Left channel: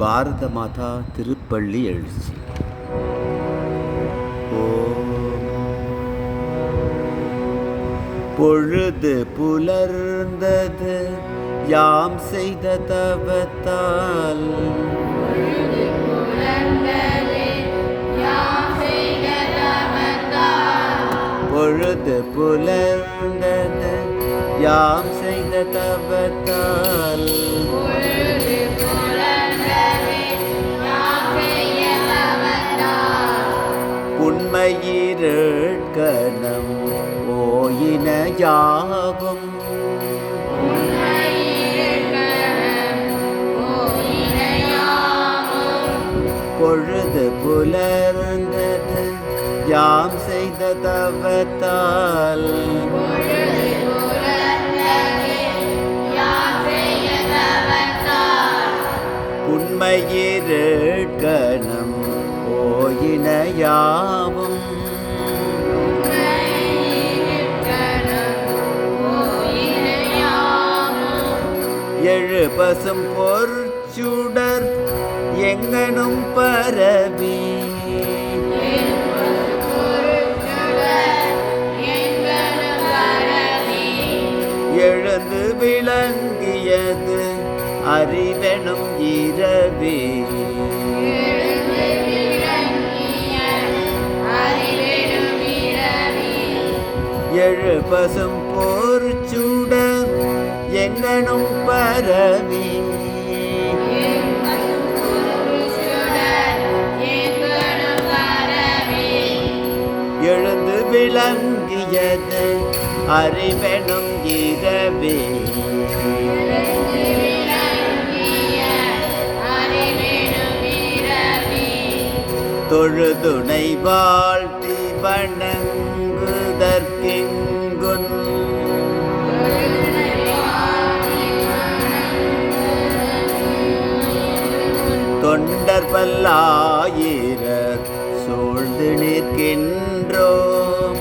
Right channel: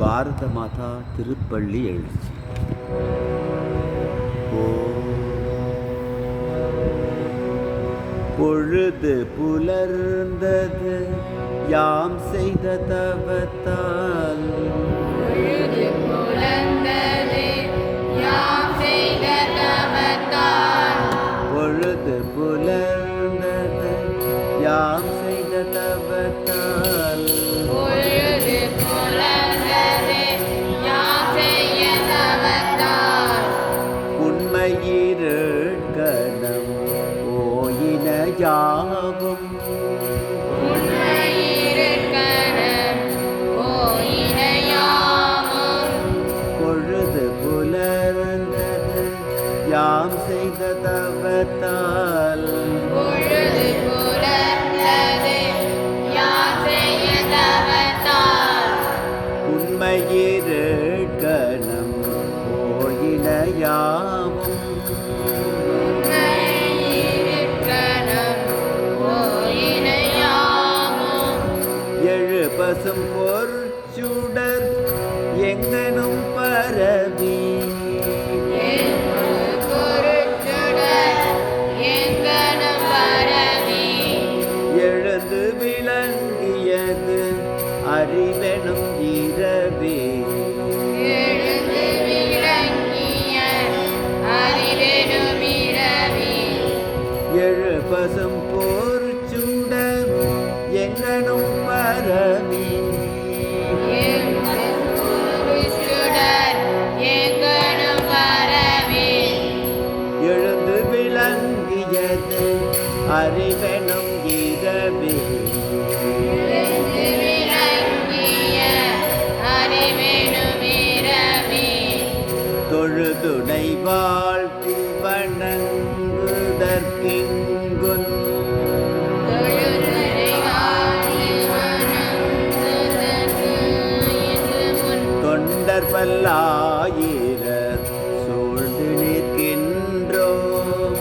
பாரத மாதா திருப்பள்ளி எழுச்சி. பொழுது புலர்ந்தது யாம் செய்த தவத்தால், பொழுது புலர்ந்தது யாம் செய்த தவத்தால், உண்மையிரட்கணம் ஓயின யாவும், பொழுது புலர்ந்தது யாம் செய்த தவத்தால், உண்மையிரட்கணம் ஓயின யாவும், எழு பசும் பொற்சுடர் எங்கனும் பரவி, எழுந்து விளங்கியது அறிவெனும் இரவே, எழு பசும் பொற்சுடர் எங்கனும் பரவி, எழுந்து விளங்கியது அறிவெனும் இரவே, தொழுதுணை வாழ்த்தி வணங்குதற்கெங்குன், தொண்டர் பல்லாயிரர் சூழ்ந்து நிற்கின்றோம்,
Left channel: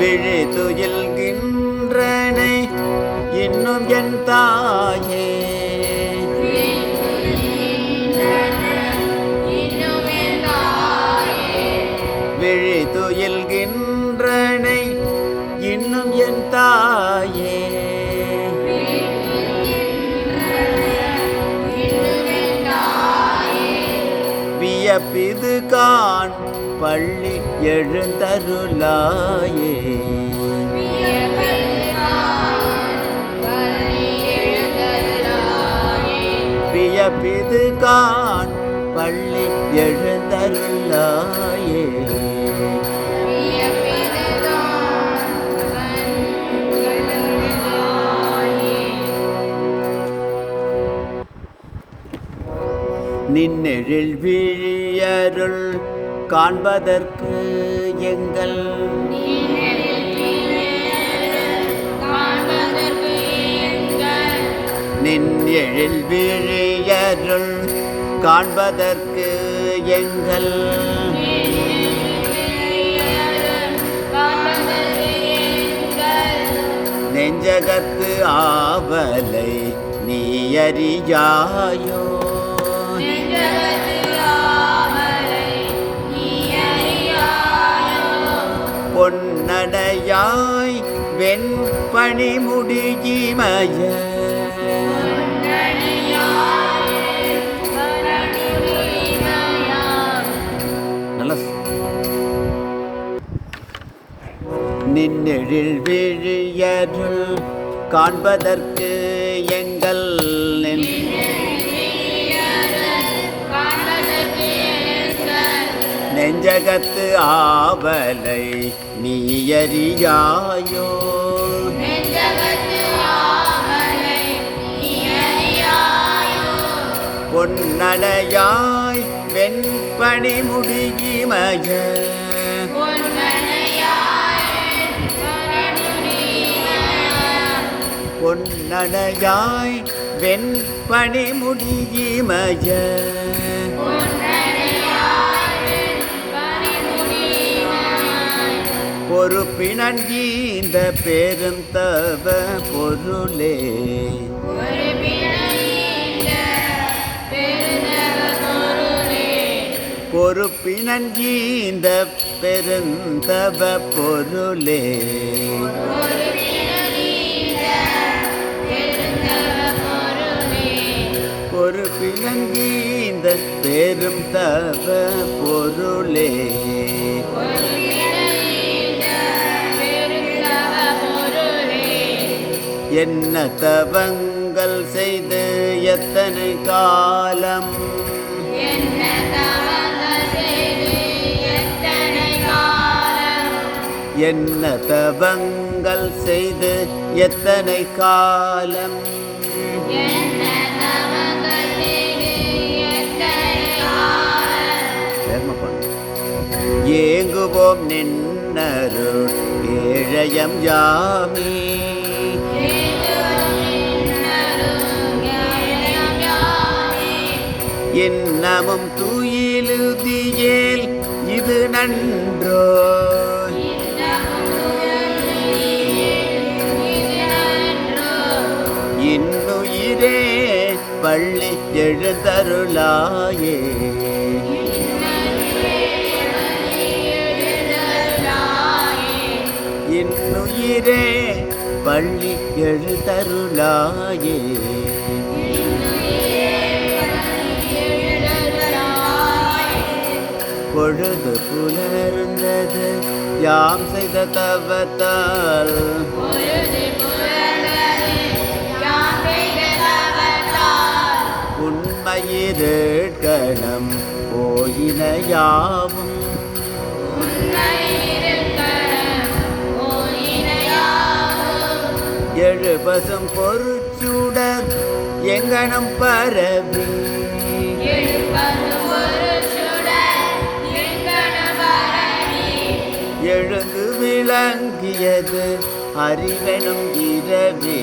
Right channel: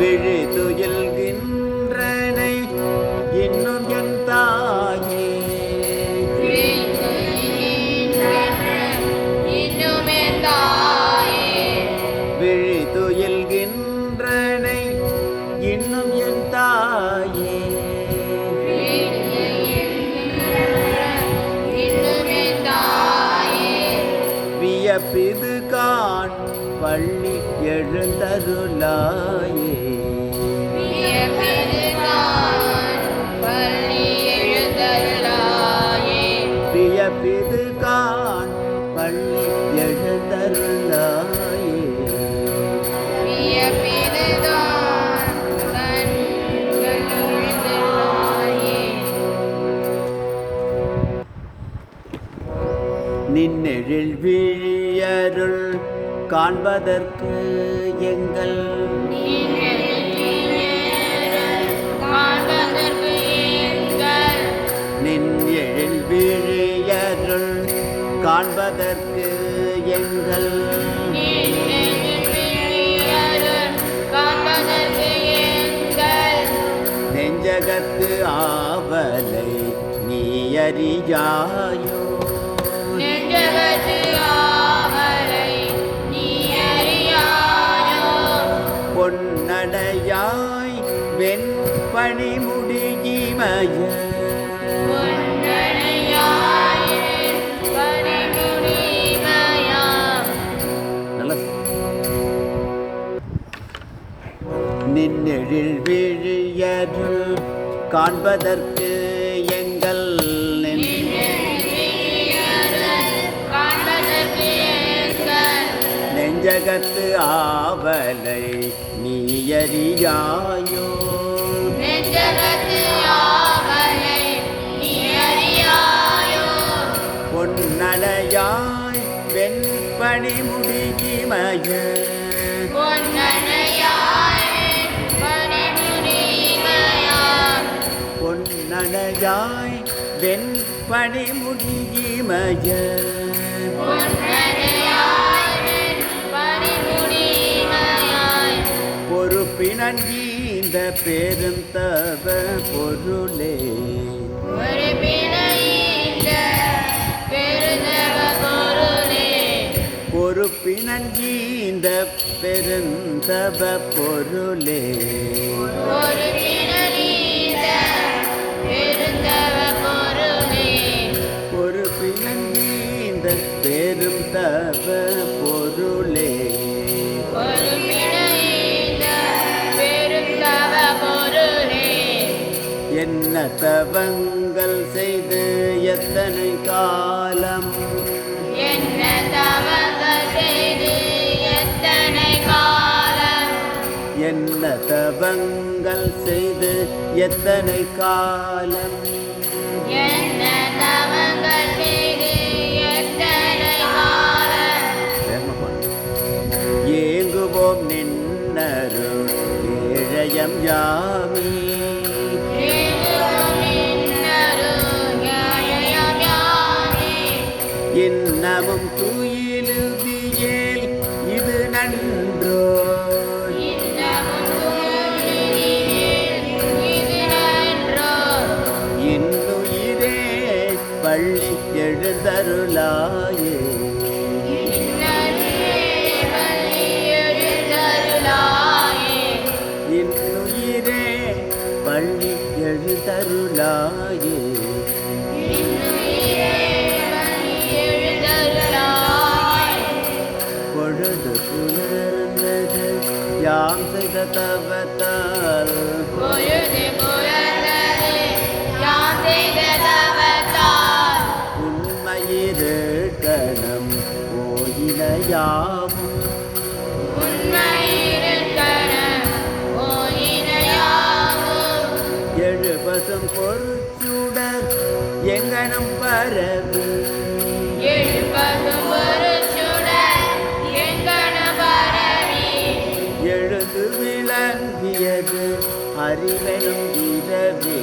விழி துயில்கின்றனை இன்னும் என் தாயே, விழி துயில்கின்றனை இன்னும் என் தாயே, வியப்பிது காண் பள்ளி எழுந்தருளாயே, வியப்பிது காண் பள்ளி எழுந்தருளாயே, நின்னெழில் விழியருள் காண்பதற்கு எங்கள், நின்னெழில் விழியருள் காண்பதற்கு எங்கள், நெஞ்சகத்து ஆவலை நீ அறியாயோ, பொன்னடையாய் வெண்பணி முடியிமய, நின்னெழில் விழியருள் காண்பதற்கு எங்கள், நெஞ்சகத்து ஆவலை நீ அறியாயோ, பொன்னடையாய் வெண்பணி முடியிமய, பொன்னடையாய் வெண்பணி முடியிமய, பொறுப்பு பிணங்கீந்த பெருந்தவ பொருளே பொறுப்பினங்கீந்த பெருந்தவ பொருளே பொறுப்பினங்கீந்த பெருந்தவ பொருளே என்ன தவங்கள் செய்து எத்தனை காலம் என்ன தவங்கள் செய்து எத்தனை காலம் ஏங்குவோம் நின்னருள் ஏழையம் யாமே இன்னமும் துயிலுதியேல் இது நன்றோ இன்னுயிரே பள்ளி எழுந்தருளாயே இன்னுயிரே பள்ளி எழுந்தருளாயே பொழுது புலர்ந்தது யாம் செய்த தவத்தால் உண்மையிருக்கணம் போயின யாவும் எழுபசும் பொருச்சுடர் எங்கனம் பரவி எழுந்து விளங்கியது அறிவனும் இரவே